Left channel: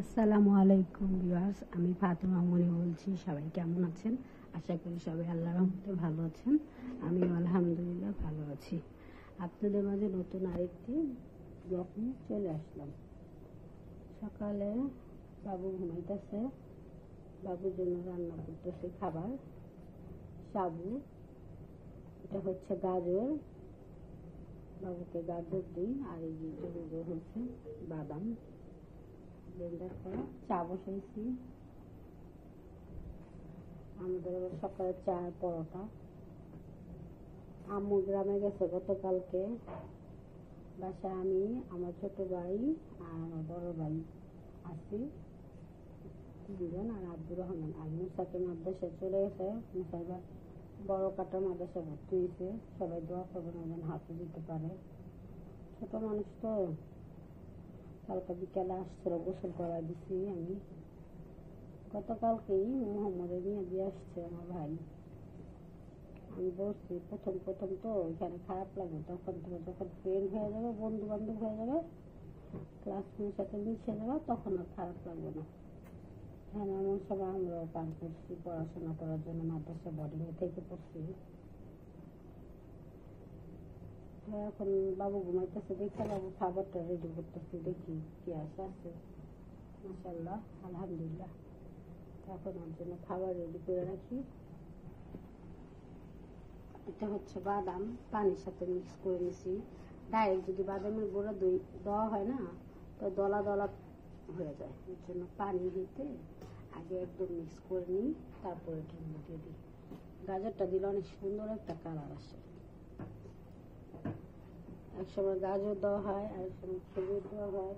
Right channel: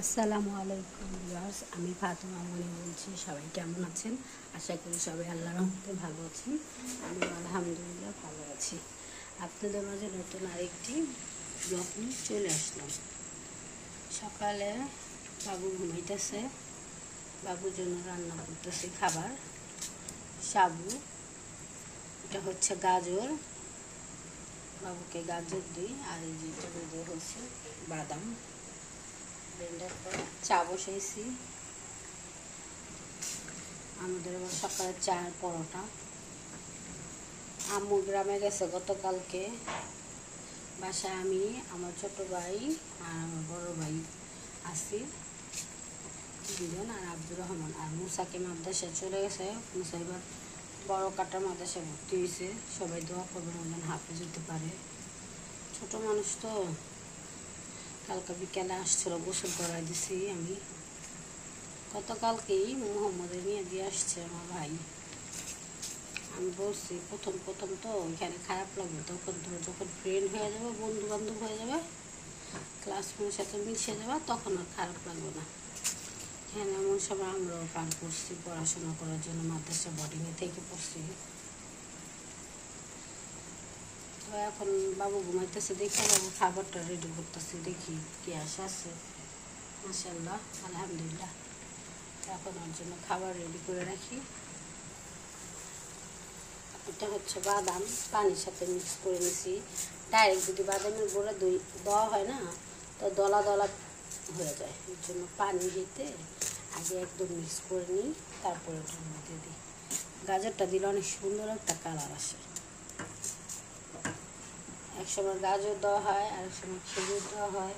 আসসালামু আলাইকুম ভিউয়ার্স, আমি ফাতেমা মনি বলছি। সবাই কেমন আছেন? আশা করি সবাই আল্লাহর রহমতে ভালো আছেন। আমি আলহামদুলিল্লাহ ভালো আছি। আপনাদের মাঝে নতুন আরেকটি ব্লগ নিয়ে চলে আসলাম। সকালে বাবু ঘুমাইতেছে, বাবুর জন্য রান্না করতেছি খাবার। সাবু, এটা হচ্ছে গাজর, বাবুকে গাজর দিই। আর এই যে হচ্ছে বাদাম ব্লেন্ডার করে চা বসাইছি। আমাদের আবার সকালে চা পরোটা। আম্মু গ্রামে গেছে গতকালকে। বাসায় আমি, আমার ছোট ভাই আর আমার বড় ভাই আছি দুজন, আর আব্দুর রহমান। আর মুসাকে মাদ্রাসায় চলে গেছে। মুসা এবার বড় কাটার মাদ্রাসায় ভর্তি হয়েছে। সবাই দোয়া করবেন যেন হাফেজ হতে পারে। ছোট মানুষ তো, কালকে বিকেলে আসছিল, গোসল করাই দিছি আমি। গতকালকেই মোহাম্মদের নিয়ে দিয়ে আসছে আমার ভাই। আমি বলছি প্রথম তো এখানে খারাপ লাগবে, তখন তোমার যখন ফ্রেন্ড হয়ে যাবে, বন্ধু বান্ধব হয়ে যাবে, ক্লাসমেটের সাথে মিশে যাবে, তখন আর খারাপ লাগবে না। এখানে এমন সময় আমরাও পার করছি পড়াশোনা করার জন্য, মাদ্রাসা বোর্ডিংয়ে থেকে পড়ছি। তো এখন বাবু ঘুমাইতেছে, দেখে বাবু খাবারটা রেডি করতেছি, দেখি কি আছে। মাশাআল্লাহ, আলহামদুলিল্লাহ। এখন ওর জন্য খাবার রেডি করে রাখি। এটা হচ্ছে বাদাম, পানির সাথে মিক্স করে নিছি। ডাইরেক্ট যদি বাদামের গুঁড়া দেওয়া হয় না, তো দলা দলা হয়ে যায়। এর জন্য পানি দিতে আগে একদম মিক্স করে নিই, তারপরে ওটার মধ্যে দিই। গাজরটা দিলে অনেক সুন্দর একটা কালার আসে। এক সময় গাজর দেওয়া হয়, আরেক সময় খেজুর দেওয়া হয়।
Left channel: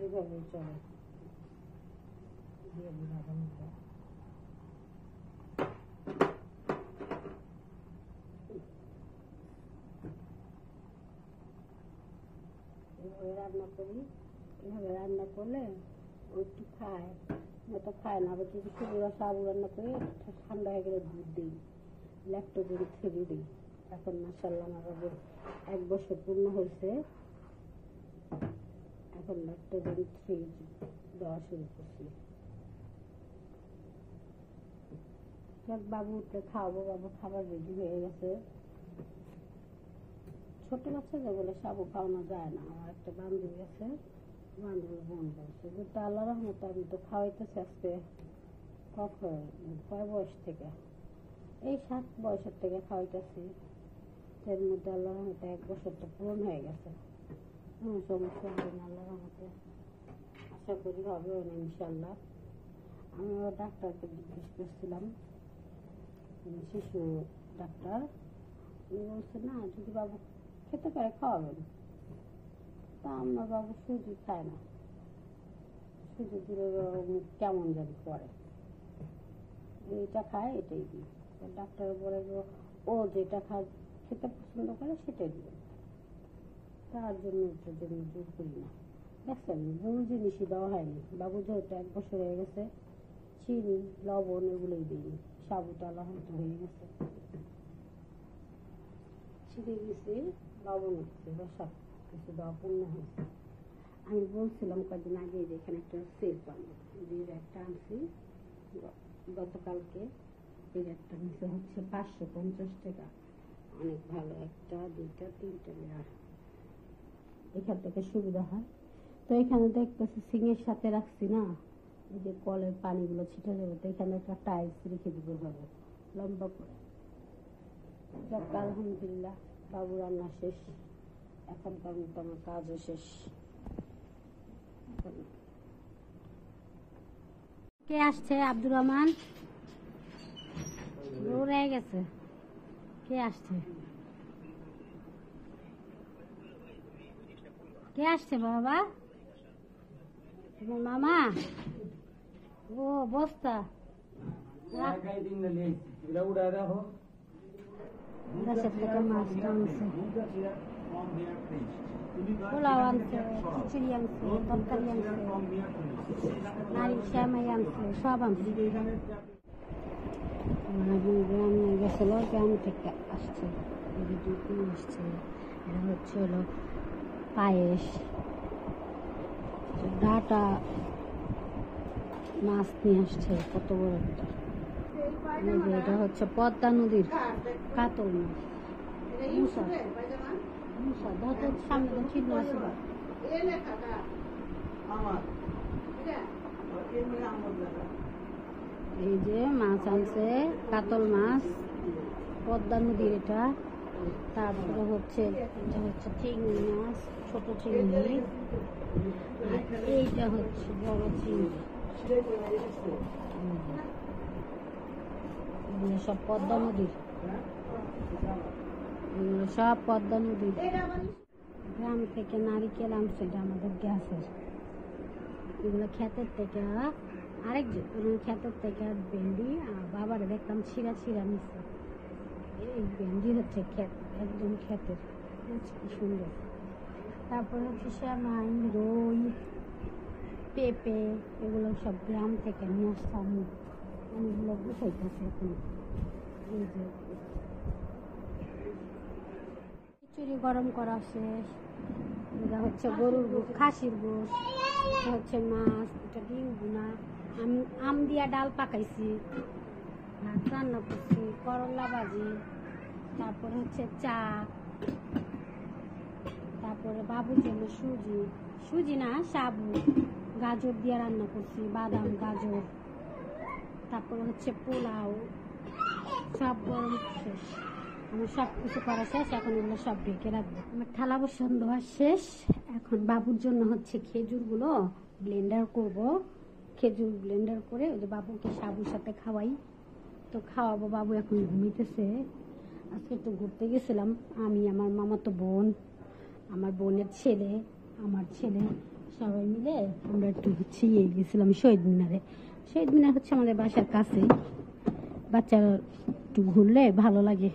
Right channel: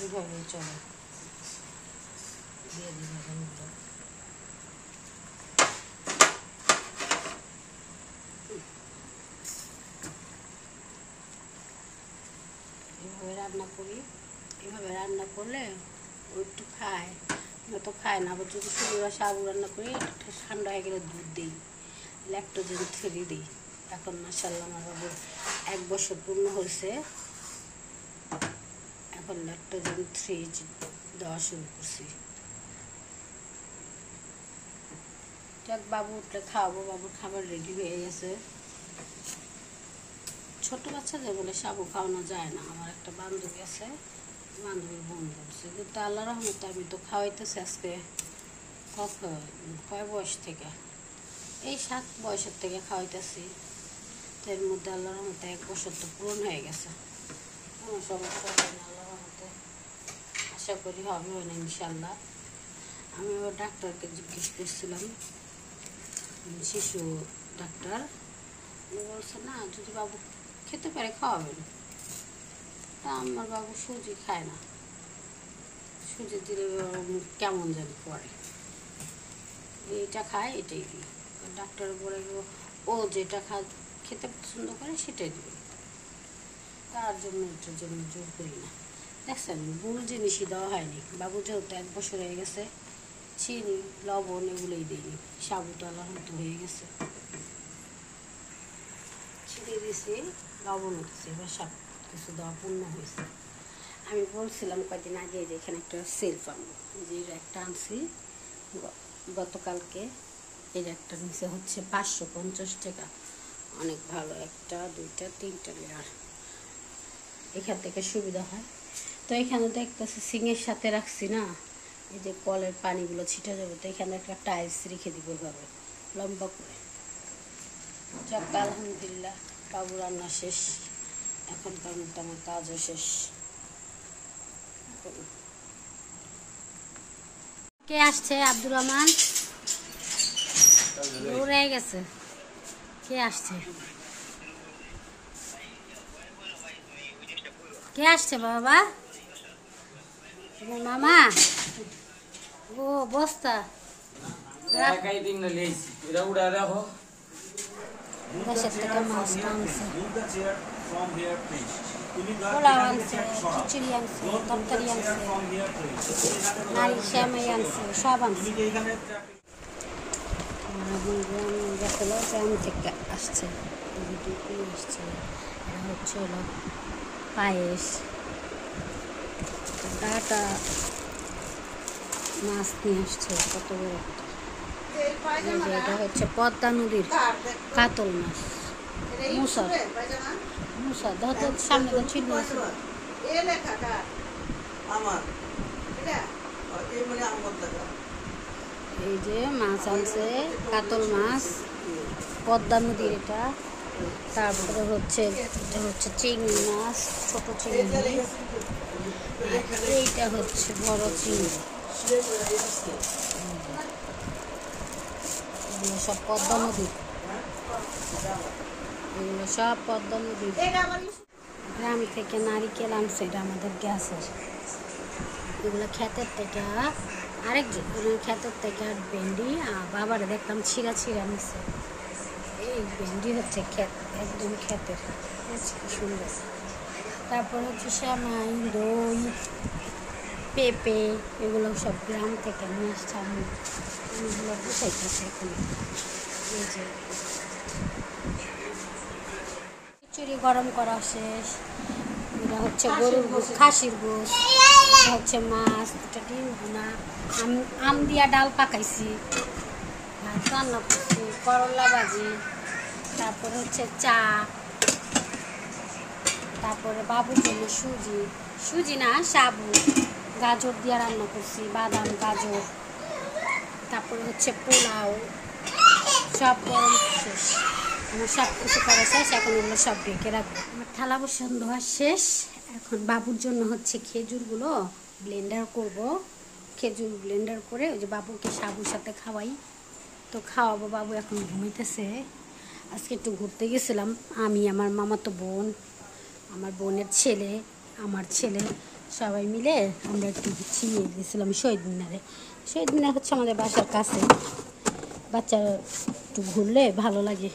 এইভাবেই চলে। দিয়ে দিই বাদামটা। এভাবে রান্না করি। এভাবে রান্না করলে ও একটু খায়, তো খায় না। আবার যদি শুধু সাবু রান্না করি, এটা ঠান্ডা হয়ে গেলে দুধ দিই, ল্যাকটোজেন ফ্রি দিই। এখন মাশাআল্লাহ আমার বাবুর 1 বছর পূর্ণ হয়েছে, এখন ল্যাকটোজেন ফ্রি দেওয়া শুরু করছি। যাক, বাবু উঠলে খাওয়াবো। বাবুর খাবার রেডি হয়ে গেছে। ছোটো বাচ্চাদের বলে সাবু খাওয়ানো যায় না। আমার একটা বান্ধবী আছে, বান্ধবীর বোন বলছে, কিন্তু আল্লাহ রহমতে আমি তো খাওয়াইতেছি আজকে কয় বয়স থেকে, এই 7 বয়সের থেকে খাওয়াইতেছি। তো এর মধ্যে আল্লাহ রহমতে 1 বছর তো পূরণ হয়ে গেছে। কোনো সমস্যা হয় না আল্লাহ রহমতে, আশা করি হবে না ইনশাল্লাহ। আমি ওর ডাক্তারকে জিজ্ঞেস করছিলাম, শিশু ডাক্তার, উনি বলছে না, যদি বাবু খেতে পারে খাওয়াবেন। তা আমার বাবু সুজি খায় না, সুজি দিলে কেমন জানি করে। এইটা খায়, এটাই দিই। ডাক্তার বলে ও যেটা খেতে পছন্দ করে সেটাই দেবেন, তার জন্য এটার জন্য জোর করি না। দেখছেন, মূল জিনিসই দেওয়া হয়নি। বাবু যেহেতু 1 বছর হয়ে গেছে, চিনি লবণ এগুলোই দিইনি। সাবুটা আলাদা হয়ে গেছে, চিনি দিয়েছি, লবণ দিচ্ছি, এবার সব কিছু দেওয়া পূর্ণ হয়েছে। আমি বলছিলাম কয়েকদিন আগে যে এখানে একটা সেলফ আনবো, যে একটা আনছি গতকালকে। এর একটা নিচে হচ্ছে 550 টাকা। অনেক ভালো, 1টা 2টা 3টা লেয়ার, এখান থেকে সুবিধা হয়। তো এখানে দেখতেছি সিংয়ের সাথে রাখছি না, এই যে কলের পানিগুলো ছিটা যাবে, তো এখানে একটা টাইলস রেখে দিব এভাবে লম্বা করে। যাক, আলহামদুলিল্লাহ, বাবু রান্না শেষ। এখনকার মতো আমার কাজও শেষ। কে আসছে? আব্দুর রহমান দৌড়ে গেছে। কে আসছে? কে আসছে বাবা? তোমার মামা? ও বস্তা 10 টাকা মাছ আনছে, পোলাও আনছে, খিচুড়ি আনছে, তরকারি আনছে, নারী শ্যামাই আনছে, সব আনছে। গ্রাম গেছিল, গ্রাম থেকে আসছে, আসছে। এরা হচ্ছে হলো পায়েস, ডাটা মাছ নিয়ে আসছে কত বড় একটা। এই যে এটা হচ্ছে পদ্মা নদীর কাতল মাছ, মুসা মুসা ধরতে সামনে তো চিহ্ন আছে। এই যে মাছ আনছে, কাতল মাছ, পদ্মা নদীর এটা। তারপরে হচ্ছে এটা হচ্ছে চিংড়ি মাছ, ছোট চিংড়ি। আর এইটা হচ্ছে বড় চিংড়ি। এগুলো সব পদ্মা নদীর, এগুলো সব পদ্মা নদীর। গ্রাম থেকে নারিকেল আনছে, এটা আমাদের গ্যাসের। এগুলো ক্ষেতের থেকে, আরেক ক্ষেতের থেকে ভেন্ডি। বাবারে দেখলাম ছিঁড়া ছিঁড়া নিচ্ছে। এই ভেন্ডি হচ্ছে ক্ষেত, একদম ক্ষেতের, কি সুন্দর। তারপর হচ্ছে শ্যামাই, দই, পেঁপে, এগুলো সব গ্রাম থেকে নিয়ে আসছে। আমি এগুলো গুছাইতেছি এখন। এই যে খিচুড়ি গরম করা শেষ। এটা হচ্ছে গরুর গোশ, খাসির গোশ। এটা হচ্ছে মাছ, এটা ডিম ভুনা, আম দিয়া ডাল পাকাইছি, ভাত রান্না করছি, করলা ভাজি। তারপরে হচ্ছে চা। তারপরে বাবুর জন্য সুজি, সুজি না সাবু, গাজর দিয়ে রান্না করছি, বাদাম গাজর। তারপরে হচ্ছে পোলাও, সব গরম শেষ। আমার সব কিছু করা শেষ, এখন ওগুলো সব ঢেকে রাখবো। আমার থালা বাসন ধোয়া শেষ। এখন বাবুর জন্য হচ্ছে খেজুরগুলো ব্লেন্ডার করব। খেজুর ব্লেন্ডার করে ওই যে বাবুকে সাবুর সাথে খাওয়াই, তো খাওয়াবো। বাবু এখন ঘুমিতেছে। আজকে একটু ঘুরতে গেছিলাম আমি, আমার মামাতো বোন, আমার বোনের ছেলে, আমার ছেলে, সবাই মিলে আমরা একটু ছিনিয়ে গেছিলাম শহীদ মিনারে। শহীদ মিনার হচ্ছে আমাদের বাসার কাছে। বাচ্চারা একটু ঘুরলে ভালো লাগে,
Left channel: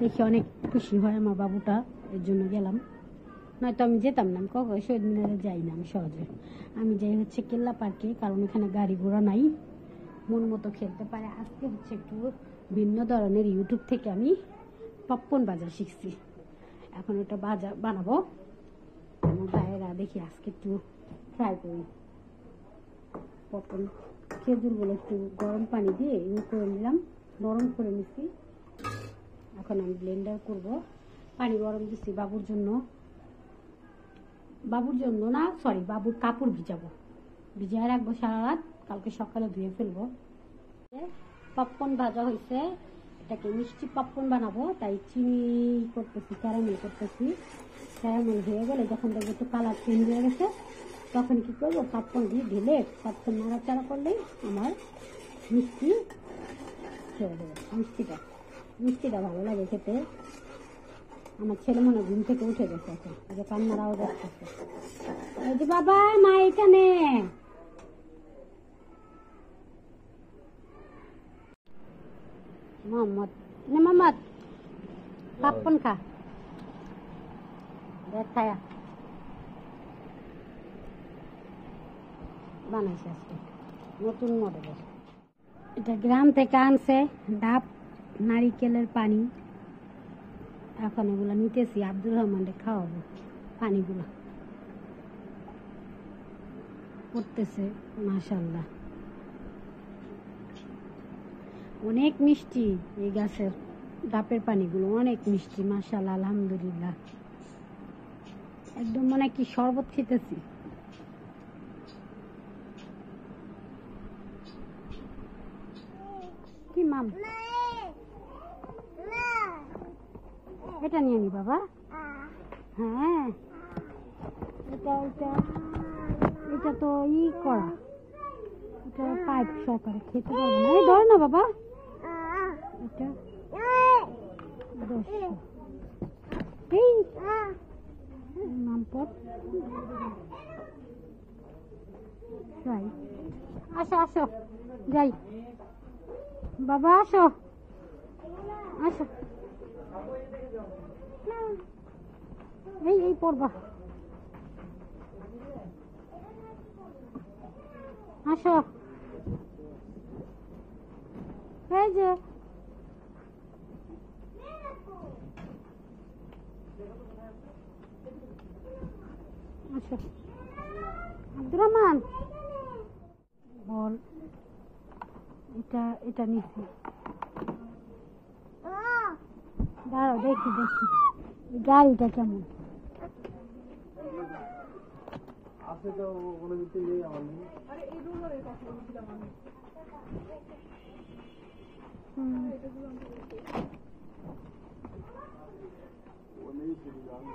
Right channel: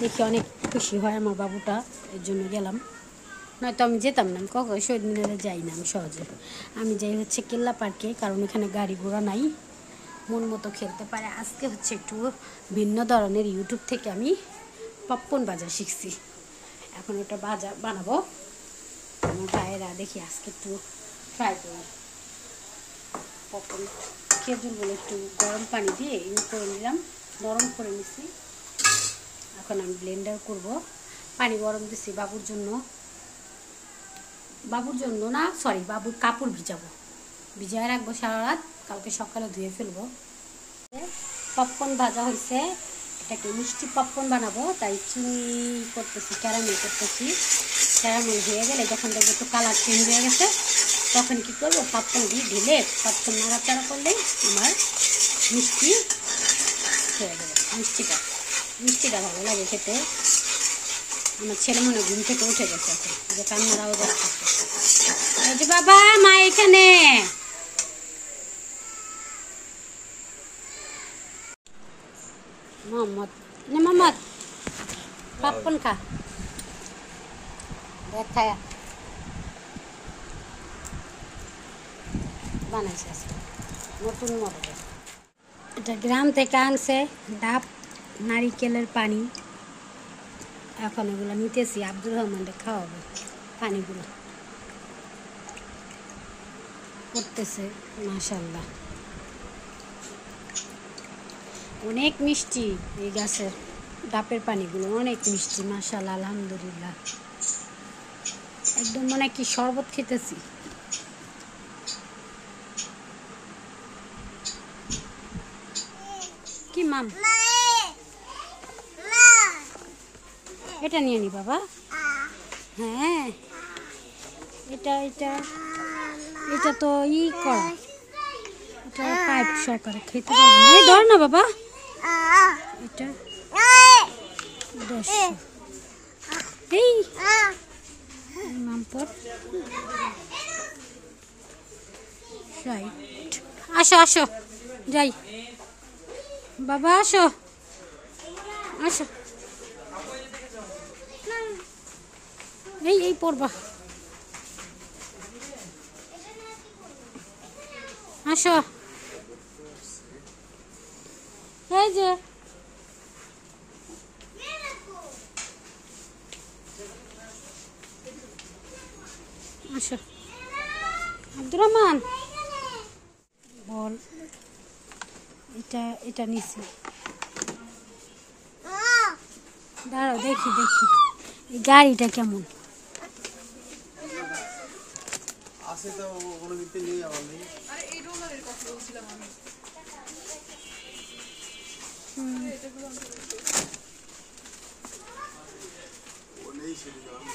দেখে অনেক খুশি হয় আমার বাবুটা, এর জন্য গেলাম। নয়তো আমি যেতাম না, আমি কখনো শহীদ মিনারে যাই না আমি সহজে। আমি যাই হচ্ছে কেল্লা পার্কে, কারণ এখানে গাড়ি ঘোড়া নাই, মন মতো খেলতে পারে। আজকে হচ্ছে একটু ভিন্ন ধরনের, ইউটিউব থেকে আমি পপকর্ন ভাজা শিখছি। এখন ওটা ভাজা বানাবো। আমার ভাইয়েরা দেখি আজকে একটু ট্রাই করি। পপকর্ন খেজুরগুলো একটু গরম পানি দিয়ে করে নিলাম, নরম করে নিছি। এখন আমি ব্লেন্ডার করব। পানি গরম দিছি বাবুর জন্য, বাবুর জন্য না সরি, বাবুর কাপড় ভিজাবো, ভিজায় রাখবো সারা রাত, কালকে সকালে ধুয়ে ফেলবো। পপকর্ন ভাজা হয়েছে, এটাকে মিষ্টি পপকর্ন বানাবো, তাই চিনি করতেছি, ক্যারামেল করতেছি। ক্যারামেল হয়ে গেলে যখন দেখবো একটু কালার চেঞ্জ হয়ে গেছে, তখন কী করবো, পপকর্ন দিয়ে ঢেলে পপকর্ন নাড়াচাড়া করলেই আমার মিষ্টি হয়ে যাবে। মিষ্টিটা ভালো লাগে খেতে। আমার ছেলে মনে ঘুম থেকে উঠে গেছে, এখন যে কান্নারাও যাচ্ছে। এই যে বাবা, মা এখানে। মোহাম্মদ মোহাম্মদ পপকর্ন খা, দেখ খায়া বানাইছে আজকে নতুন মডেলের। এটা গ্রাম থেকে আনছে, ডাব নারিকেলের পানি। এখন এগুলো নিতেছি, আব্দুর রহমানকে খাওয়াবো। পানিগুলো করতেছে মাশাল্লাহ, অনেক মিষ্টি। এই গাছের ডাবের পানিগুলো অনেক মিষ্টি মাশাল্লাহ, আলহামদুলিল্লাহ। একদম মনে কি শরবত খেতেছি। কি মাম, এটা নিয়ে নি বাবা। হ্যাঁ, এটা এটা এটা তো ই কর, এটা পাইপ সহকারে খেতে পারবো না। এই ধর না বাবা, এটা 10। এই মামপর রাইট, আসো আসো যাই বাবা, আসো আসো। এই পড়বা, আসো। এই যে আসো আব্দুর রহমান বল এটা এটা নিছি দাঁড়াও দেখি দেখি এই গাড়িটা কেমন আছে তো কোনো কিছু নেই আমার নেই আরে এই রোলারের কথা বলছিলাম আমি ও নেই সেদিকে আমি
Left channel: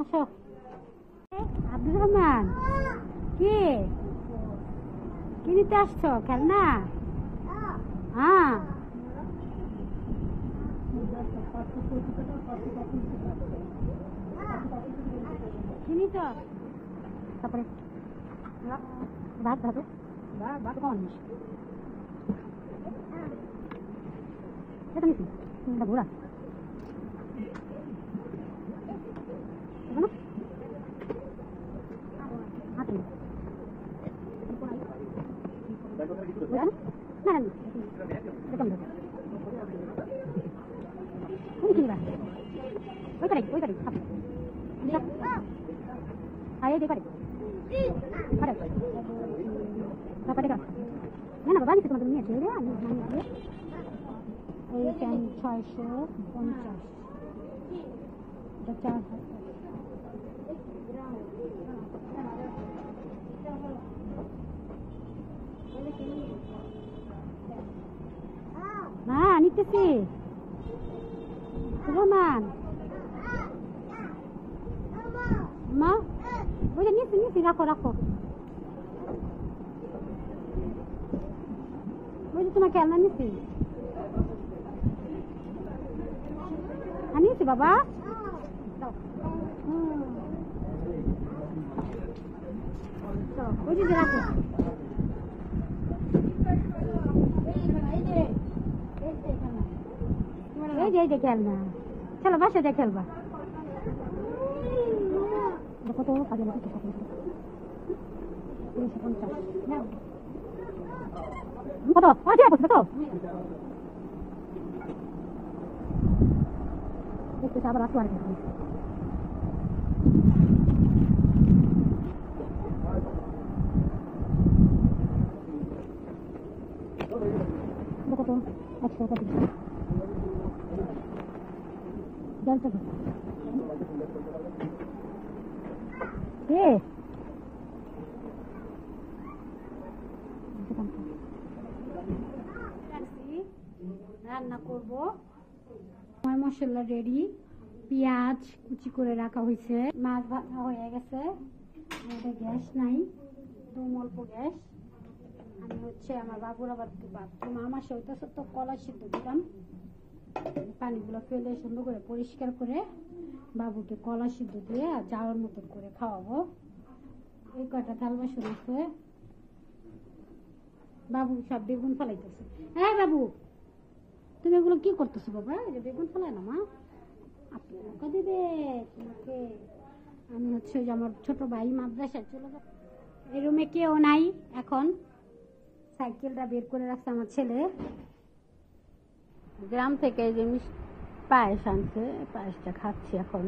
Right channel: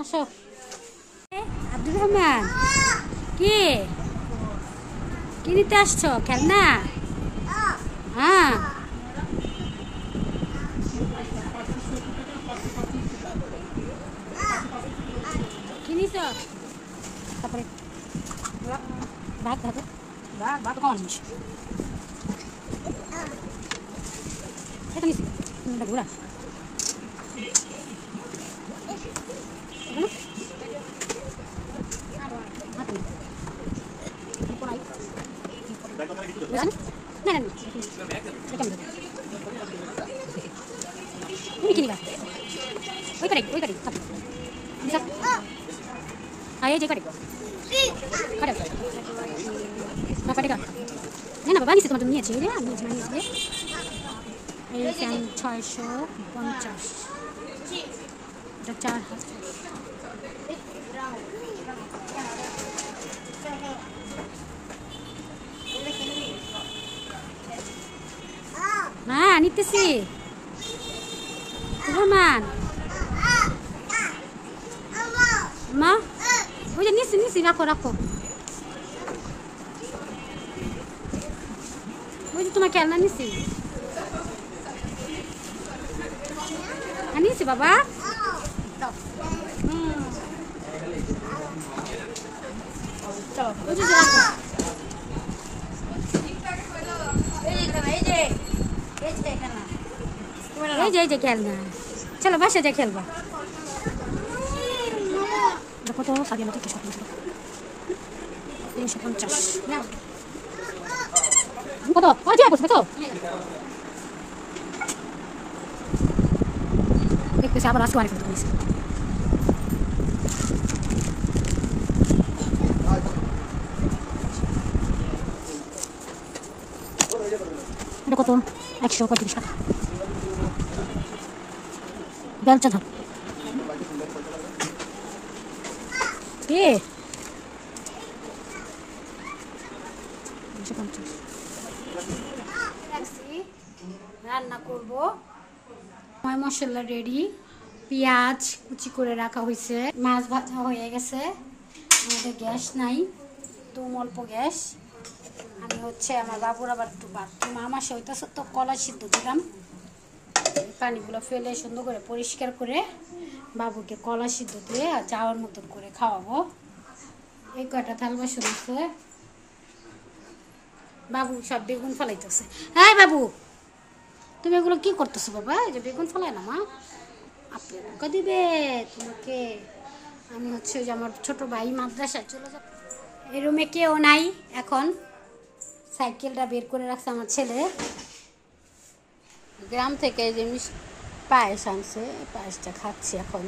আসো আব্দুর রহমান কি কি নিতে আসছো খেলনা হ্যাঁ কি নিছ তারপরে ভাত ভাত ভাত কম আনিস এটা নিছি ঘোরা হ্যাঁ নিতেছি রহমান মা ওই যে নিছি নিছি রাখো রাখো ওই যে তোমার খেলনা নিছি নিছি বাবা ওই যে রাখো এই যে খেলনা চলো বাসা যা খেলবা কত সাড়ে মতো 350 কত আচ্ছা বসে তো দেখতেছি আবার আসতে পারে ফটো নিছে এটা কত 135 টাকা বেলচা থাক কে রান্না করব মশলা রেডি পেঁয়াজ কুচি করে রাখা হয়েছে মাছ ভাজা হয়ে গেছে আমাদের গ্যাস নাই দুম অল্প গ্যাস আমি হচ্ছে আমার বাবুর আবার একটু বাথরুম আমার সে হইতেছে তো কলা সিদ্ধ দিলাম পানিগুলো ফেলে সুন্দর করে পরিষ্কার করে বাবুকে কলা সিদ্ধ দিয়ে আর যাওয়ার মতন করে খাওয়াবো এই কয়টা থাল বাসন আছে বাবু সব বেগুন ফলাইতেছে হ্যাঁ বাবু তুমি এগুলো কি করতেছো বাবা এই যে বেগুন ফলায় না মা আপনি ওকে দিবে তোমাকে আমি হচ্ছে যে আমার ছোট ভাই মাদ্রাসায় চলে যাব এই রুমে কেউ নাই এখন সাইকেলটা বের করে রাখছে আমার ছেলে গ্রাম থেকে যে পায়েস আনছে পায়েসটা খাচ্ছি এখন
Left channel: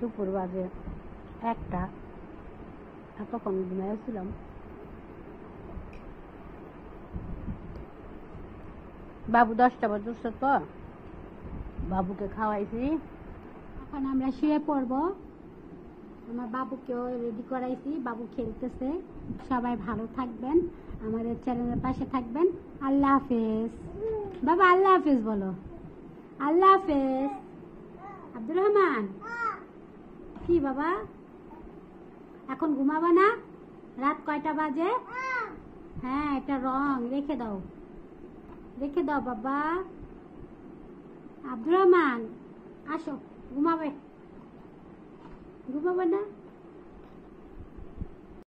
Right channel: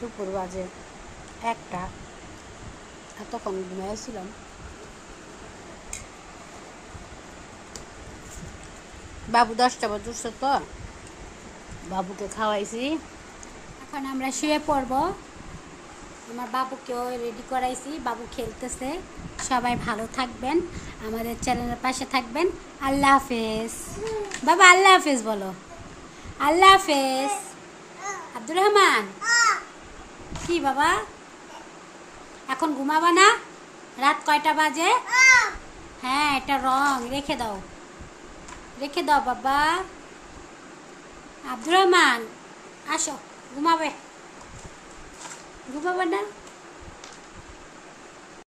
দুপুর বাজে 1টা তখন ঘুমাইছিলাম বাবু 10টা বাজছে তো বাবুকে খাওয়াইছি এখন আমরা শুয়ে পড়ব আমার বাবুকেও রেডি করাইছি বাবু খেলতেছে সবাই ভালো থাকবেন আমাদের চ্যানেলের পাশে থাকবেন আল্লাহ হাফেজ বাবা আল্লাহ হাফেজ বলো আল্লাহ হাফেজ আব্দুর রহমান কি বাবা এখন ঘুমাবা না রাত কয়টা বাজে হ্যাঁ এটা রং রেখে দাও বাবা আব্দুর রহমান আসো ঘুমাবে না